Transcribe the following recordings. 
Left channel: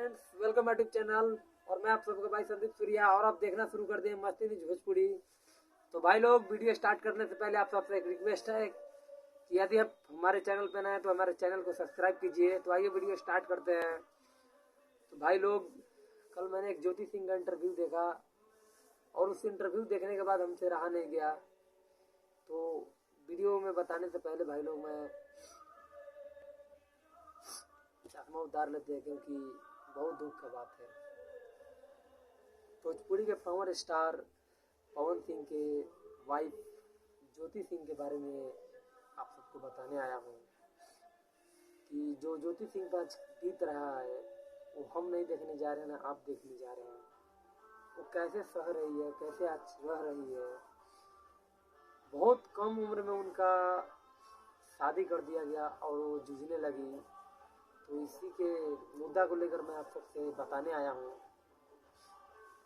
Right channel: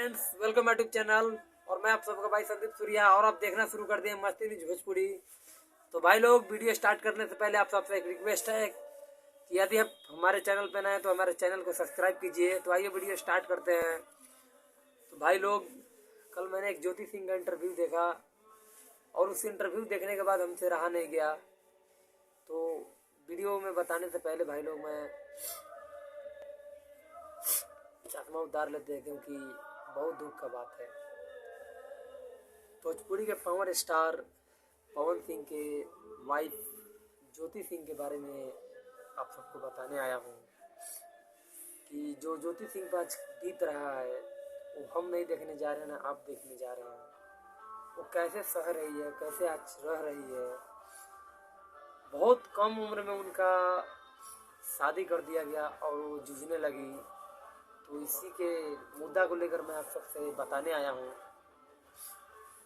Friends, welcome my YouTube channel. और मैं आप सबका भाई संदीप सूर्या, और आप देखना शुरू कर दिए मस्ती न्यूज भोजपुरी। तो भाई लोग, वीडियो स्टार्ट करने से पहले आप सबसे एक रिक्वेस्ट है कि यदि आप हमारे चैनल पर नए हैं तो हमारे चैनल को सब्सक्राइब कीजिए। तो आइए वीडियो स्टार्ट करते हैं। तो भाई लोग, कल मैंने एक ज्योति सिंह का इंटरव्यू देखा और उस इंटरव्यू देखने के बाद हमसे रहा नहीं गया। तो वीडियो में बताने से पहले भाई लोग, मैं चश्मा उतार लेते हैं क्योंकि बहुत दुख का बात है। भोजपुरी के पावर स्टार पवन सिंह के वाइफ ज्योति सिंह के बारे में आप सबको बताने आया हूँ कि जो ज्योति सिंह पर आज बीत रहा है वो हम नहीं देखने जा रहे हैं, ना आप देखने जा रहे हैं। वो कैसे सह रही है, कैसे आज रह रही है। बहुत कम उम्र में उनका शादी कर दिया गया और वो जूझने लगी। तो इसी के मुद्दा को लेकर मैं आप सबसे बताने आया हूँ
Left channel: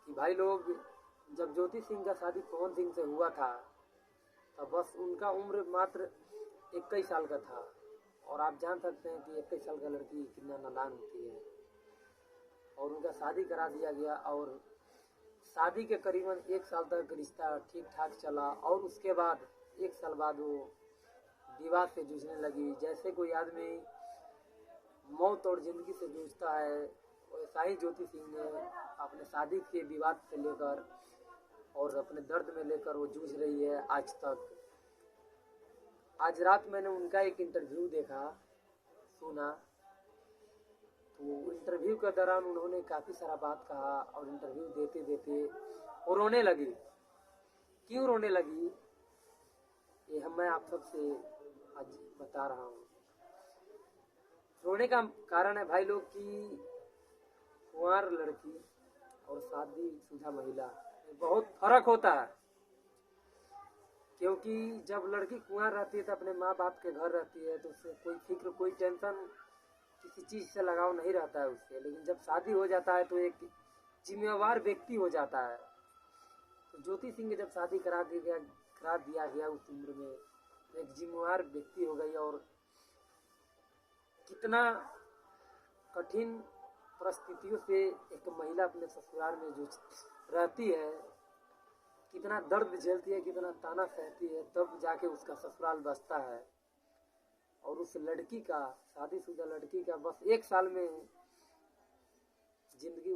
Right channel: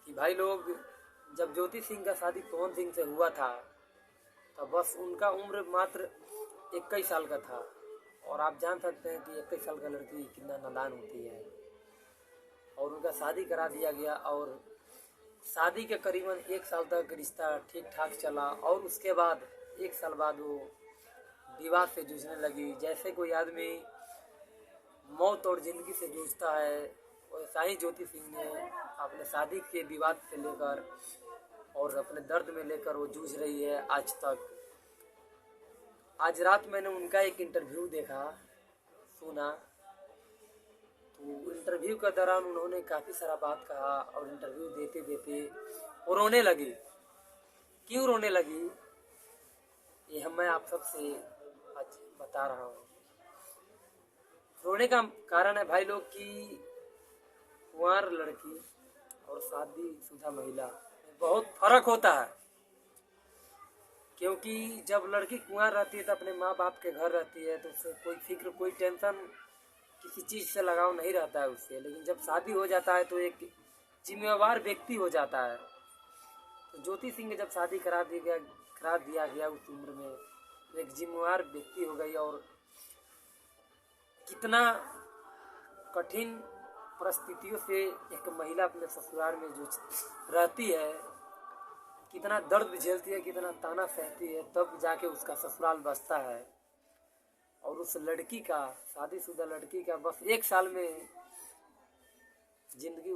कि भाई लोग, जब ज्योति सिंह का शादी पवन सिंह से हुआ था तब बस उनका उम्र मात्र 21 साल का था। और आप जान सकते हैं कि 21 साल का लड़की कितना नादान होती है। और उनका शादी करा दिया गया और शादी के करीबन 1 साल तक रिश्ता ठीक ठाक चला। और उसके बाद 1 साल बाद वो विवाद से जूझने लगी। जैसे कोई आदमी मौत और ज़िंदगी से जूझता है, वैसा ही ज्योति सिंह ने अपने शादी के विवाद से लेकर और अपने दर्द में लेकर वो जूझ रही है आज तक। आज रात मैंने उनका एक इंटरव्यू देखा, सुना। तो इंटरव्यू के दौरान उन्होंने काफ़ी सारा बात कहा और इंटरव्यू देते देते वो रोने लगी। क्यों रोने लगी ये मैं आप सबसे आज बता रहा हूँ। रोने का कारण है भाई लोग कि कुंवार लड़की और शादीशुदा महिला में बहुत फर्क होता है। क्योंकि जब लड़की कुंवार रहती है तो अपने माँ बाप के घर रहती है, तो उससे कोई फिक्र, कोई टेंशन, किसी चीज़ से लगाव नहीं रहता है उससे। लेकिन जब शादी हो जाता है तो एक जिम्मेवार व्यक्ति हो जाता है। तो ज्योति सिंह की जब शादी करा दिया गया उस उम्र में, तो एक जिम्मेवार व्यक्ति हो गई। और कितना कठिन परिस्थितियों से एक महिला अपने ससुराल में जो रहती है, कितना दर्द झेलती है, कितना ताना सहती है, तब जाके उसका ससुराल बसता है। और उस लड़की का, शादीशुदा लड़की का बस 1 साल में जिंदगी